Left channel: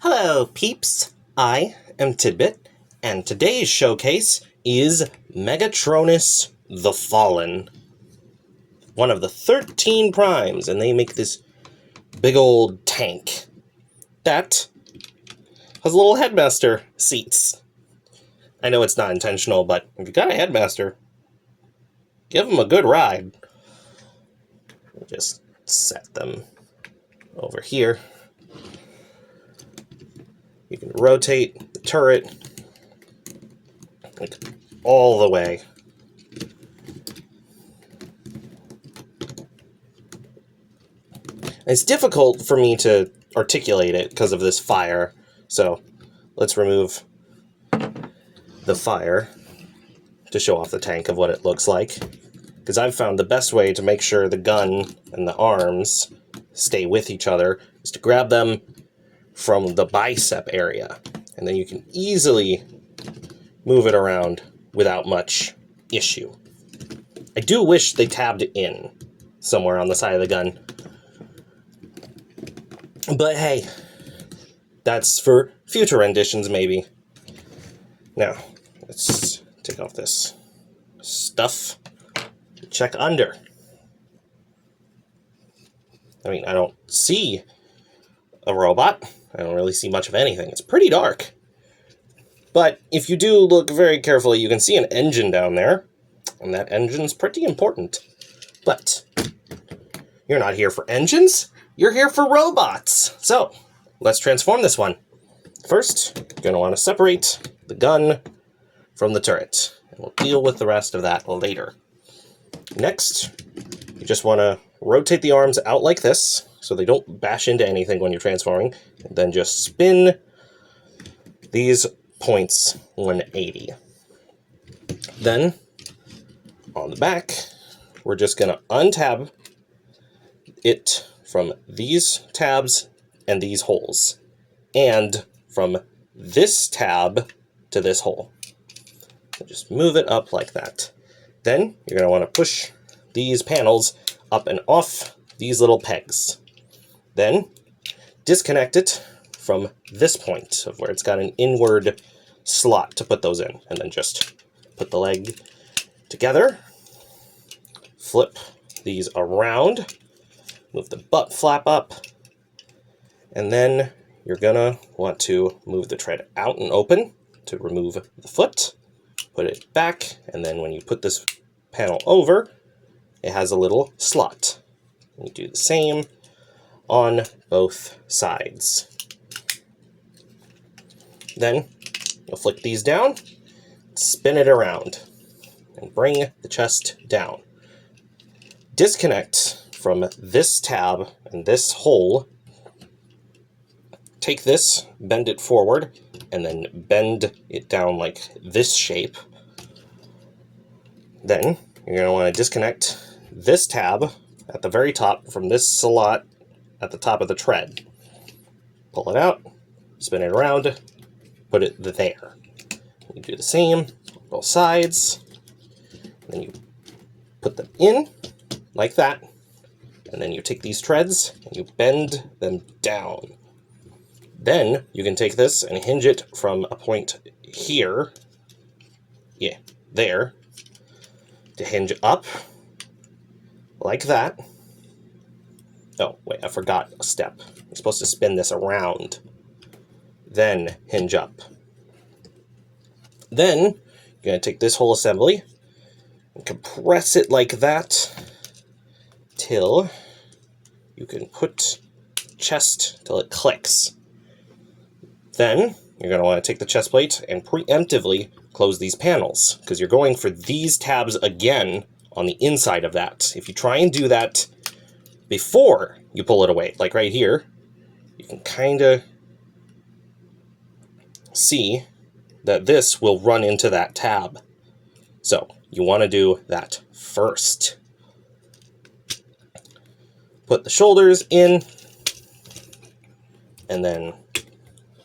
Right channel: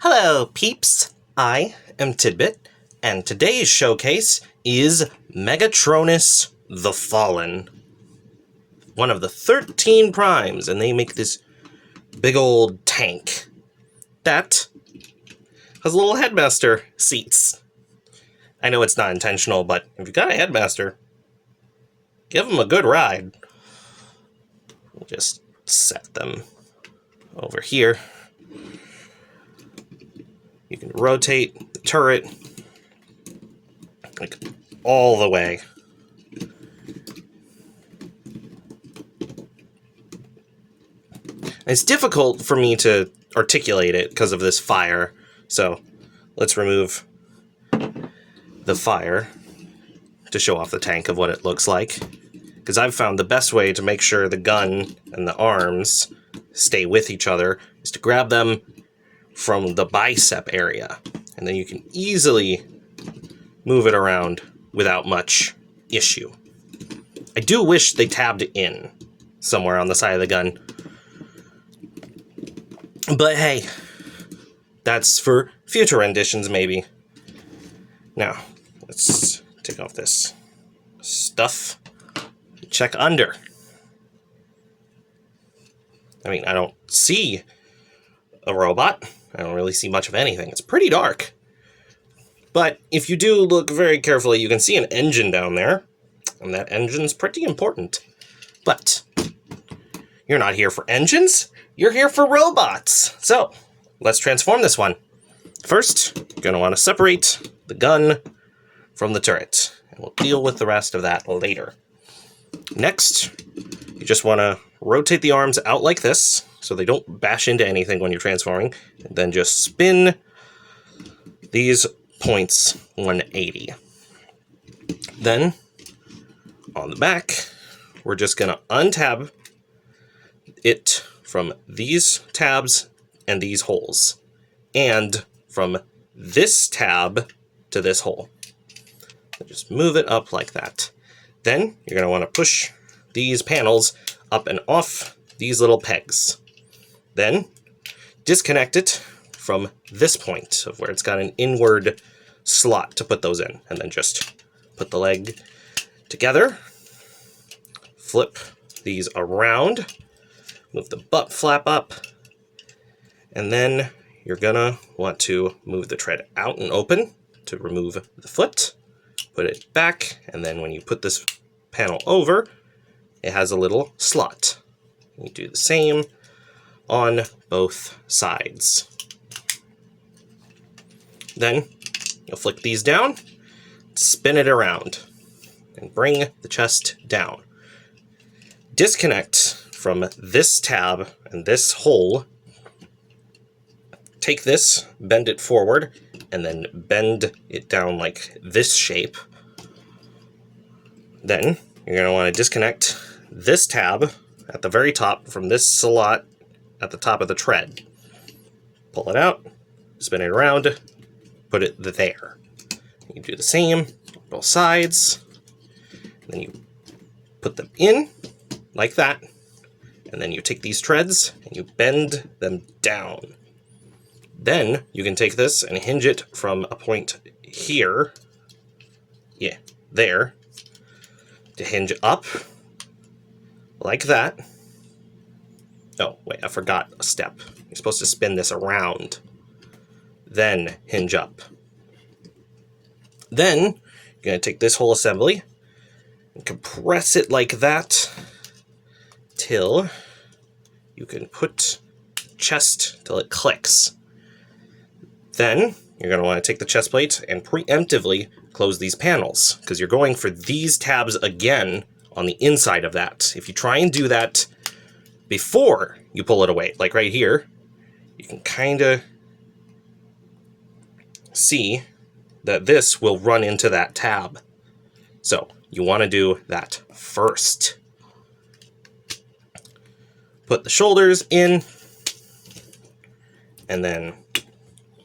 Hello, peeps! I am Tidbit, and today's showcase is Megatronus the Fallen. One of the 13 primes, and they make this big old tank that has little headmaster seats. I know it's not intentional, but if you got a headmaster, give them a good ride. We'll just set them over here. You can rotate the turret like all the way. It's difficult for me to articulate it because of this fire, so let's remove the fire to show off the tank of what it looks like. Because I've found the best way to make sure the gun and the arms stay with each other is to grab them from the bicep area, and then you can easily move it around without much issue. I do wish they tabbed in somewhere on the side of the gun, but hey, that's for future renditions maybe. Now, let's take off this stuff. Check under. I mean, I don't see a robot. I don't really see much of anything. It's pretty dark. But if you do look very carefully, you can see an engine down there. And that engine's pretty important. But you're not here for engines. You're here for robots. So let's transform this one. First, you're going to want to separate the gun from the turret. And we'll deal with the rest of that later. Next, you just want to rotate the arms out like this, so they don't bash into anything when you're transforming, and then just spin these points 180. Then, on the back, we're just going to untab it from these tabs and these holes, and from this tab to this hole. So just move it up like that. Then, you're going to want to push these panels up and off these little pegs. Then, disconnect it from this point of where it's got an inward slot to put those in. And then just put the leg together, flip these around, move the butt flap up, and then you're gonna want to move the tread out and open to remove the foot, put it back, and then when you put this panel over, it has a little slot. You do the same on both sides. Then you'll flick these down, spin it around, and bring the chest down. Disconnect from this tab and this hole. Take this, bend it forward, and then bend it down like this shape. Then you're going to want to disconnect this tab at the very top from this slot at the top of the tread. Pull it out, spin it around, put it there. You do the same on both sides. Then you put them in like that. And then you take these treads and you bend them down. Then you can take this and hinge it from a point here, there, to hinge up like that. Oh, wait, I forgot a step. You're supposed to spin this around, then hinge up. Then you're going to take this whole assembly and compress it like that till you can put chest till it clicks. Then you're going to want to take the chest plate and preemptively close these panels, because you're going for these tabs again on the inside of that. If you try and do that before you pull it away, like right here, you can kind of see that this will run into that tab. So you want to do that first. Put the shoulders in, and then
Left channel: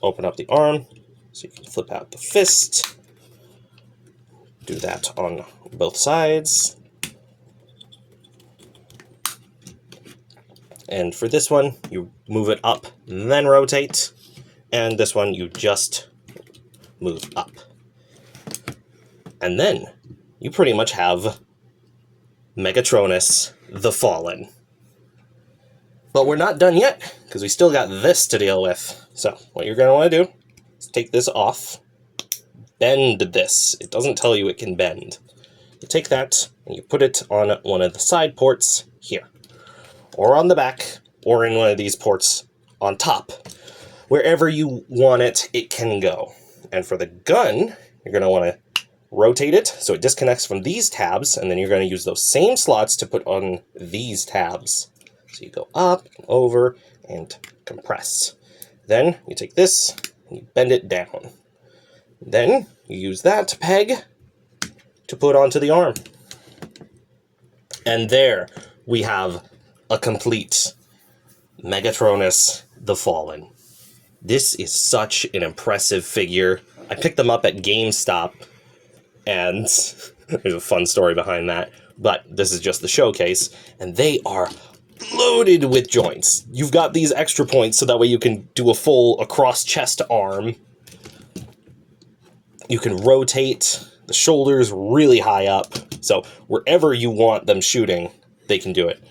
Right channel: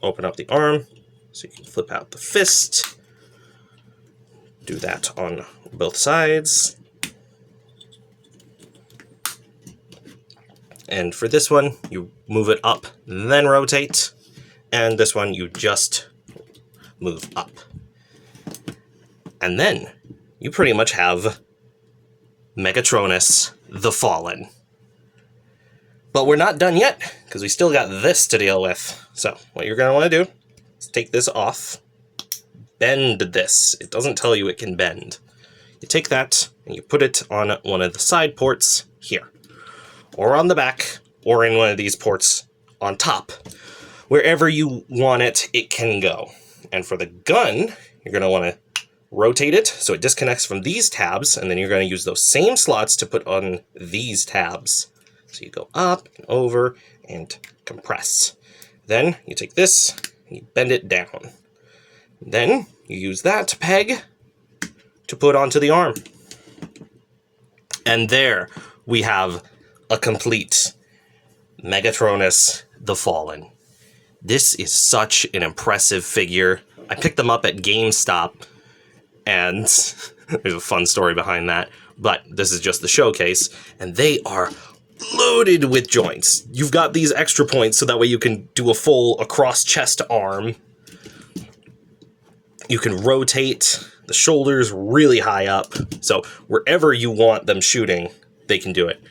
open up the arm so you can flip out the fist. Do that on both sides. And for this one, you move it up, then rotate, and this one you just move up. And then you pretty much have Megatronus the Fallen. But we're not done yet, because we still got this to deal with. So, what you're going to want to do is take this off, bend this. It doesn't tell you it can bend. You take that, and you put it on one of the side ports here, or on the back, or in one of these ports on top. Wherever you want it, it can go. And for the gun, you're going to want to rotate it so it disconnects from these tabs, and then you're going to use those same slots to put on these tabs. So you go up and over and compress. Then you take this and you bend it down. Then you use that peg to put onto the arm. And there we have a complete Megatronus the Fallen. This is such an impressive figure. I picked them up at GameStop, and there's a fun story behind that, but this is just the showcase, and they are loaded with joints. You've got these extra points so that way you can do a full across chest arm. You can rotate the shoulders really high up, so wherever you want them shooting, they can do it.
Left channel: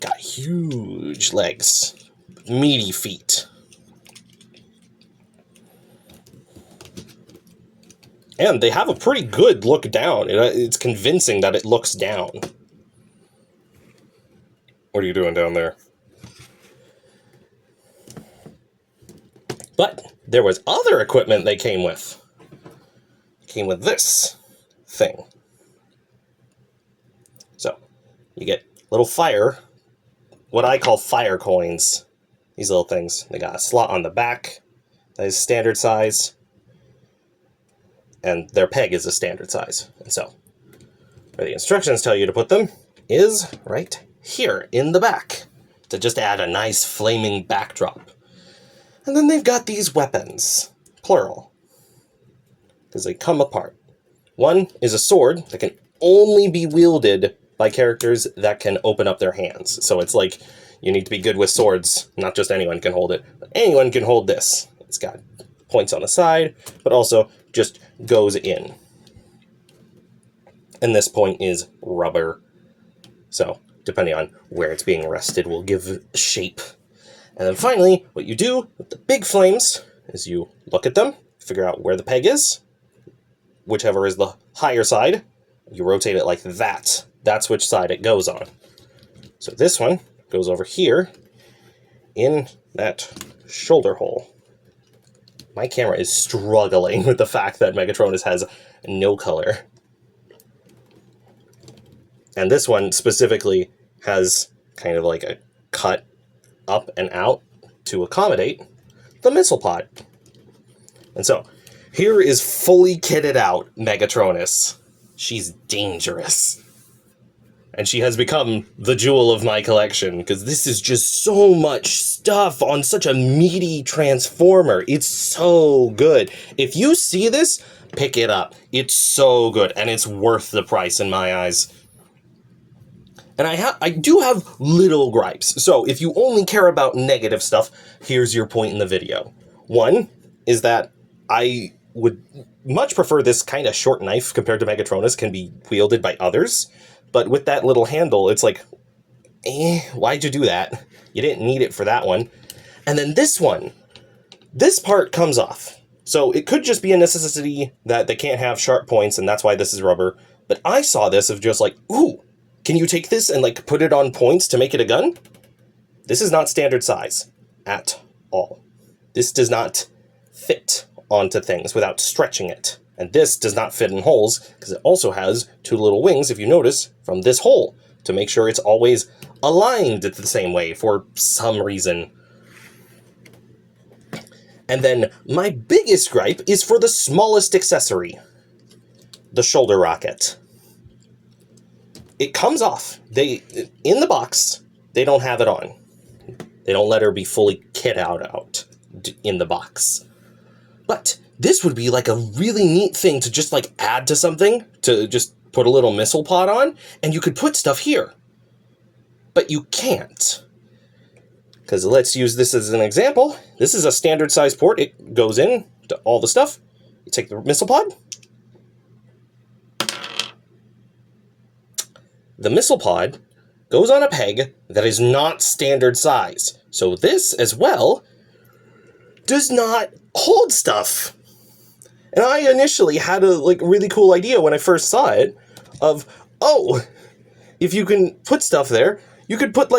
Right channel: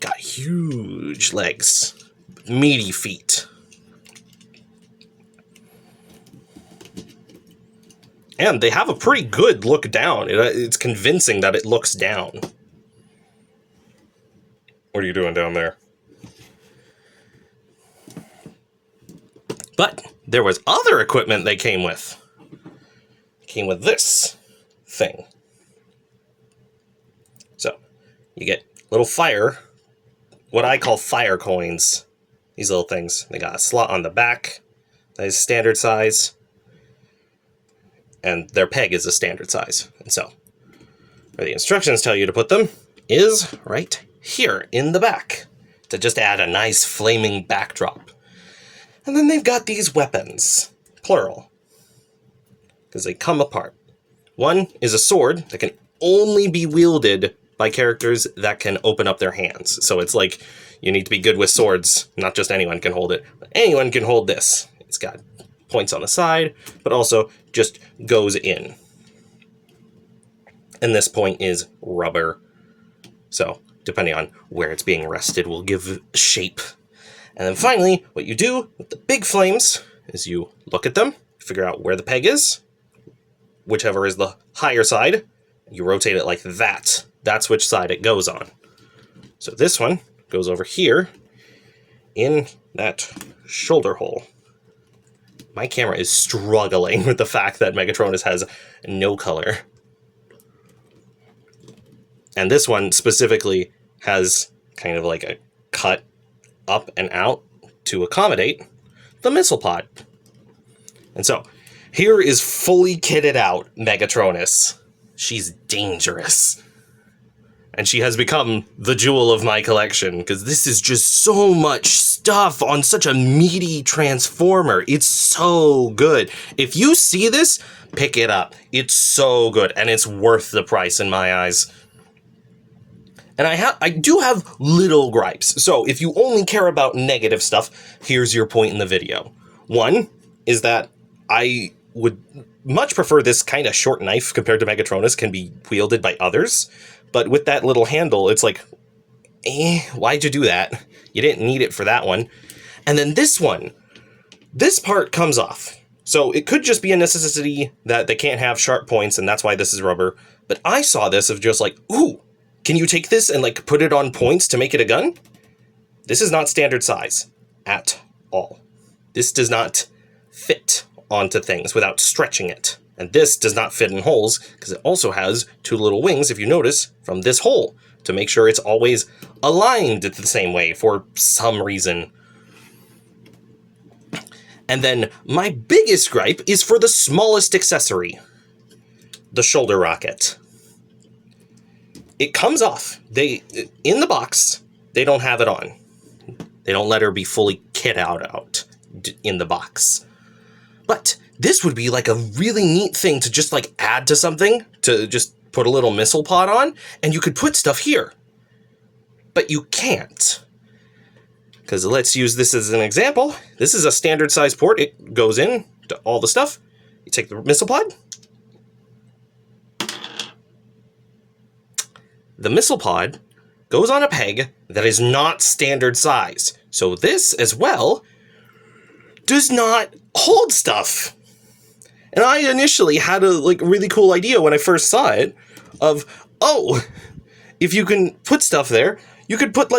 Got huge legs, meaty feet. And they have a pretty good look down. It's convincing that it looks down. What are you doing down there? But there was other equipment they came with. Came with this thing. So, you get little fire, what I call fire coins. These little things. They got a slot on the back that is standard size, and their peg is a standard size. And so, where the instructions tell you to put them is right here in the back to just add a nice flaming backdrop. And then they've got these weapons, plural, because they come apart. One is a sword that can only be wielded by characters that can open up their hands. So it's like you need to be good with swords. Not just anyone can hold it, but anyone can hold this. It's got points on the side, but also just goes in. And this point is rubber. So depending on where it's being rested will give shape. And then finally, what you do with the big flames is you look at them, figure out where the peg is, whichever is the higher side, you rotate it like that. That's which side it goes on. So this one goes over here in that shoulder hole. My camera is struggling with the fact that Megatronus has no color. And this one specifically has kind of like a cut up and out to accommodate the missile pod. And so, here is fully kitted out Megatronus. She's dangerous. And she has become the jewel of my collection, because this is just so much stuff on such a meaty transformer. It's so good. If you see this, pick it up. It's so good, and it's worth the price in my eyes. And I do have little gripes. So if you only care about negative stuff, here's your point in the video. One is that I would much prefer this kind of short knife compared to Megatronus can be wielded by others. But with that little handle, it's like, why'd you do that? You didn't need it for that one. And then this one, this part comes off. So it could just be a necessity that they can't have sharp points, and that's why this is rubber. But I saw this of just like, ooh, can you take this and like put it on points to make it a gun? This is not standard size at all. This does not fit onto things without stretching it. And this does not fit in holes because it also has two little wings, if you notice, from this hole to make sure it's always aligned the same way for some reason. And then my biggest gripe is for the smallest accessory, the shoulder rocket. It comes off. In the box, they don't have it on. They don't let her be fully kit out in the box. But this would be like a really neat thing to just like add to something, to just put a little missile pod on, and you could put stuff here. But you can't. because let's use this as an example. This is a standard size port. It goes in to all the stuff. You take the missile pod. The missile pod goes on a peg that is not standard size. So this as well does not hold stuff. And I initially had a really cool idea when I first saw it of, oh, if you can put stuff there, you could put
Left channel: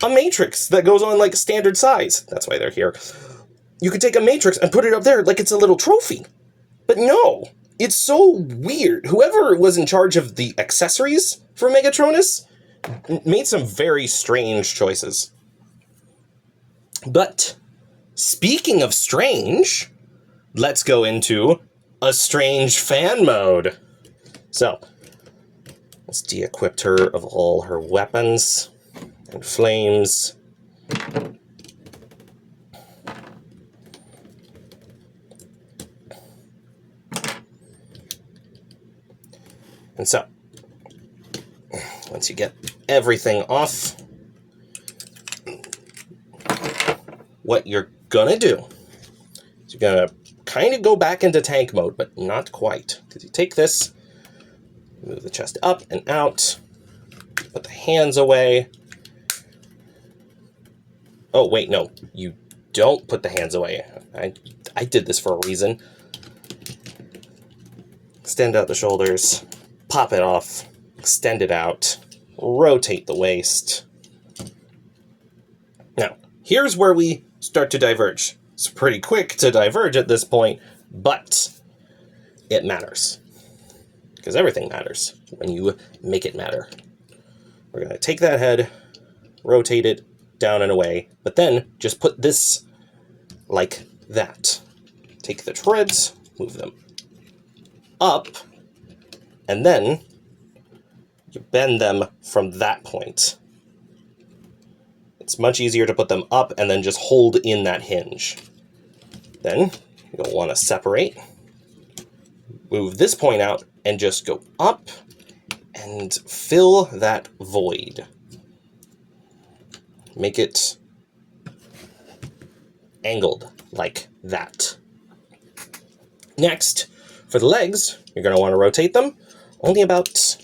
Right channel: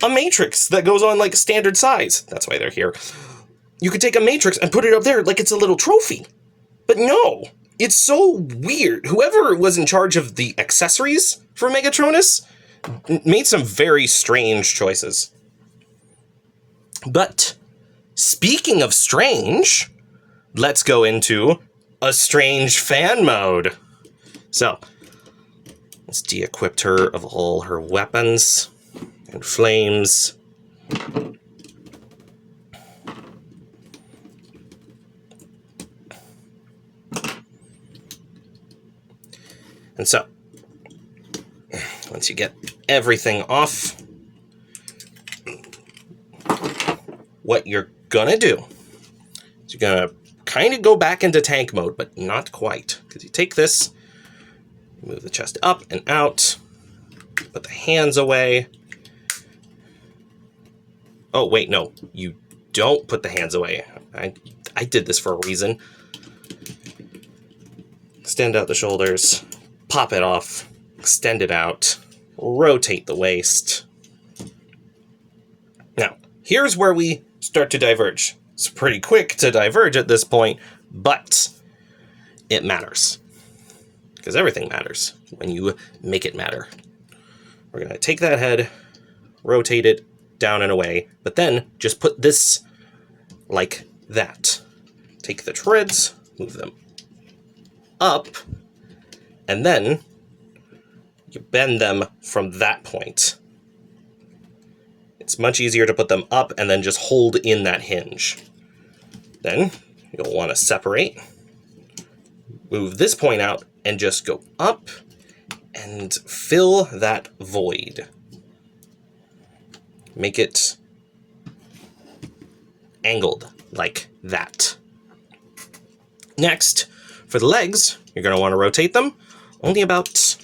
a matrix that goes on standard size. That's why they're here. You could take a matrix and put it up there like it's a little trophy. But no, it's so weird. Whoever was in charge of the accessories for Megatronus made some very strange choices. But speaking of strange, let's go into a strange fan mode. So, let's de-equip her of all her weapons and flames. And so, once you get everything off, what you're gonna do is you're gonna kind of go back into tank mode, but not quite. Because you take this, move the chest up and out, put the hands away. Oh, wait, no, you don't put the hands away. I did this for a reason. Extend out the shoulders, pop it off, extend it out, rotate the waist. Now, here's where we start to diverge. It's pretty quick to diverge at this point, but it matters. Because everything matters when you make it matter. We're going to take that head, rotate it down and away, but then just put this like that. Take the treads, move them up, and then you bend them from that point. It's much easier to put them up and then just hold in that hinge. Then you'll want to separate, move this point out, and just go up and fill that void. Make it angled like that. Next, for the legs, you're going to want to rotate them only about,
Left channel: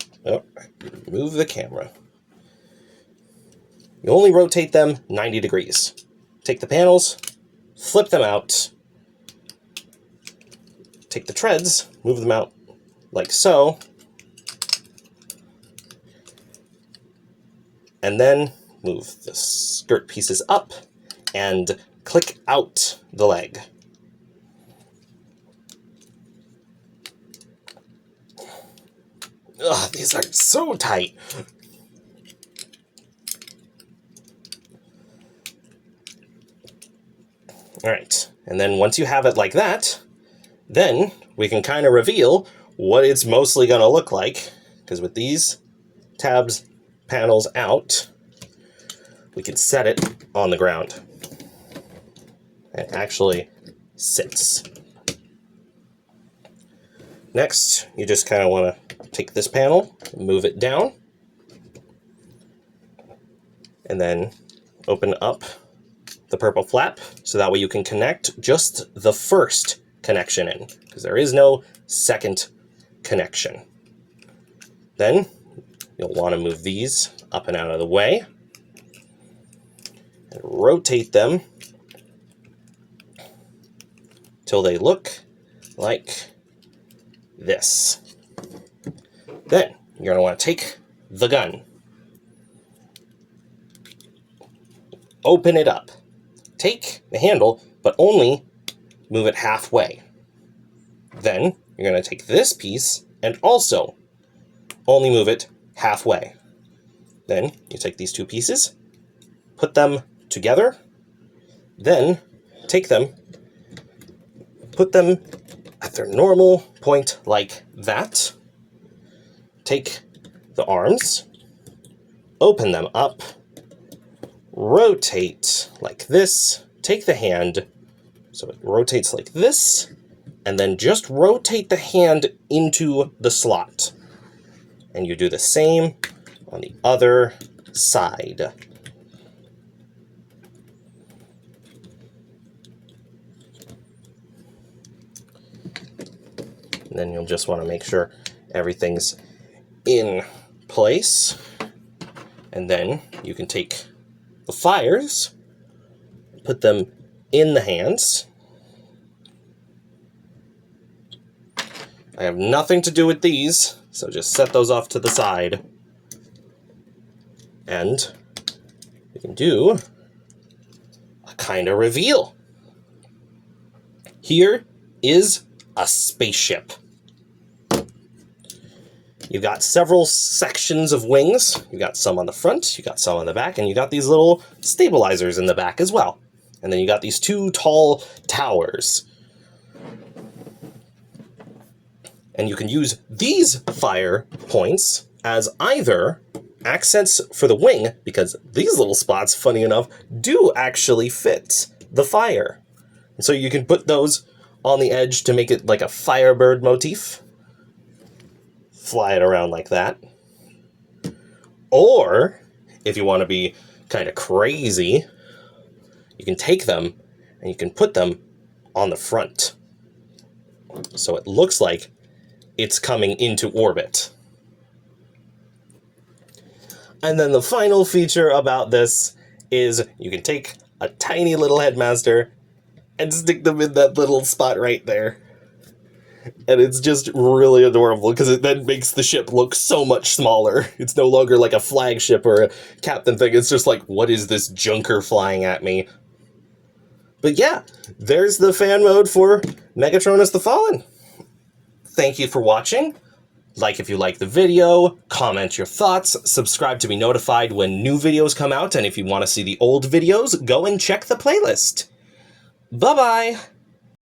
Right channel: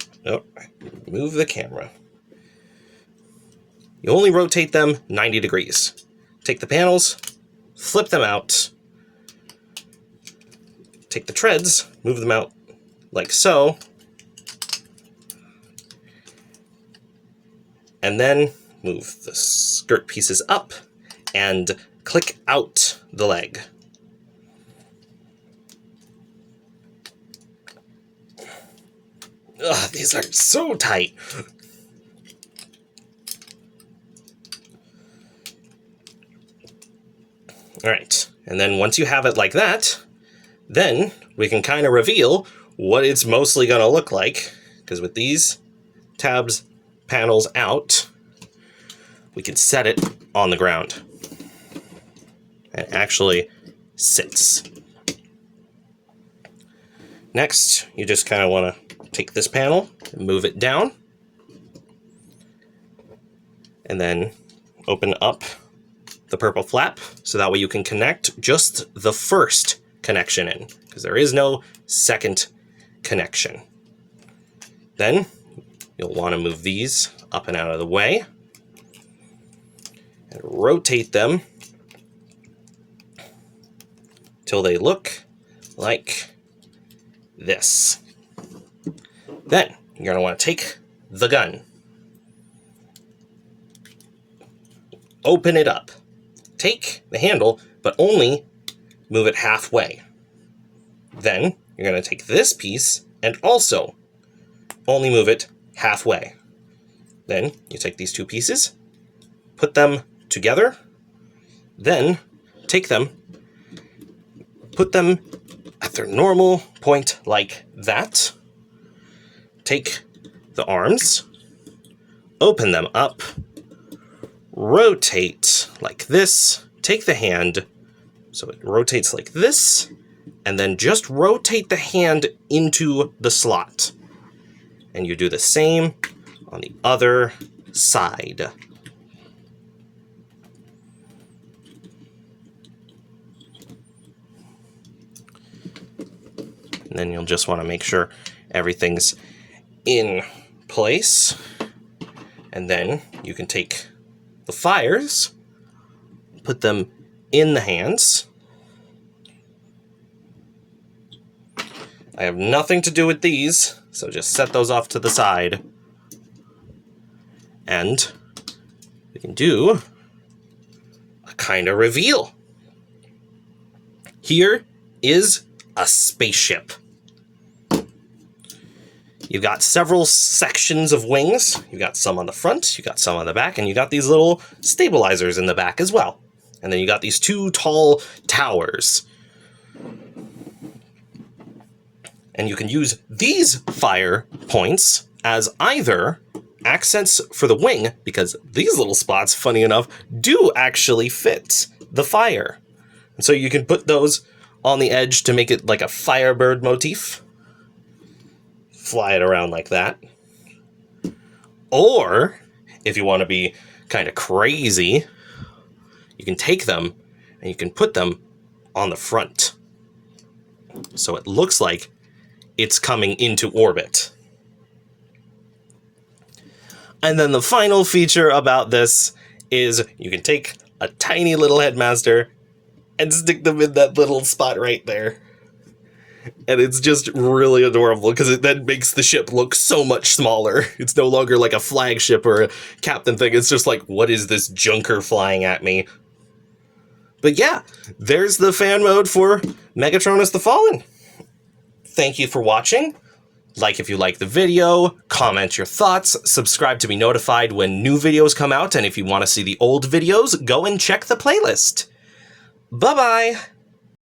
move the camera. You only rotate them 90 degrees. Take the panels, flip them out, take the treads, move them out like so, and then move the skirt pieces up and click out the leg. Ugh, these are so tight. All right, and then once you have it like that, then we can kind of reveal what it's mostly going to look like, because with these tabs, panels out, we can set it on the ground. It actually sits. Next, you just kind of want to take this panel and move it down, and then open up the purple flap, so that way you can connect just the first connection in, because there is no second connection. Then you'll want to move these up and out of the way, and rotate them till they look like this. Then you're going to want to take the gun, open it up, take the handle, but only move it halfway. Then you're going to take this piece and also only move it halfway. Then you take these two pieces, put them together, then take them, put them at their normal point like that. Take the arms, open them up, rotate like this, take the hand, so it rotates like this, and then just rotate the hand into the slot. And you do the same on the other side. And then you'll just want to make sure everything's in place. And then you can take the fires, put them in the hands. I have nothing to do with these, so just set those off to the side. And we can do a kind of reveal. Here is a spaceship. You've got several sections of wings. You've got some on the front, you got some on the back, and you got these little stabilizers in the back as well. And then you got these two tall towers. And you can use these fire points as either accents for the wing, because these little spots, funny enough, do actually fit the fire. And so you can put those on the edge to make it like a Firebird motif. Fly it around like that. Or, if you want to be kind of crazy, you can take them and you can put them on the front. So it looks like it's coming into orbit. And then the final feature about this is you can take a tiny little headmaster and stick them in that little spot right there. And it's just really adorable because it then makes the ship look so much smaller. It's no longer like a flagship or a captain thing. It's just like, what is this junker flying at me? But yeah, there's the fan mode for Megatronus the Fallen. Thank you for watching. Like if you like the video, comment your thoughts, subscribe to be notified when new videos come out, and if you want to see the old videos, go and check the playlist. Bye-bye!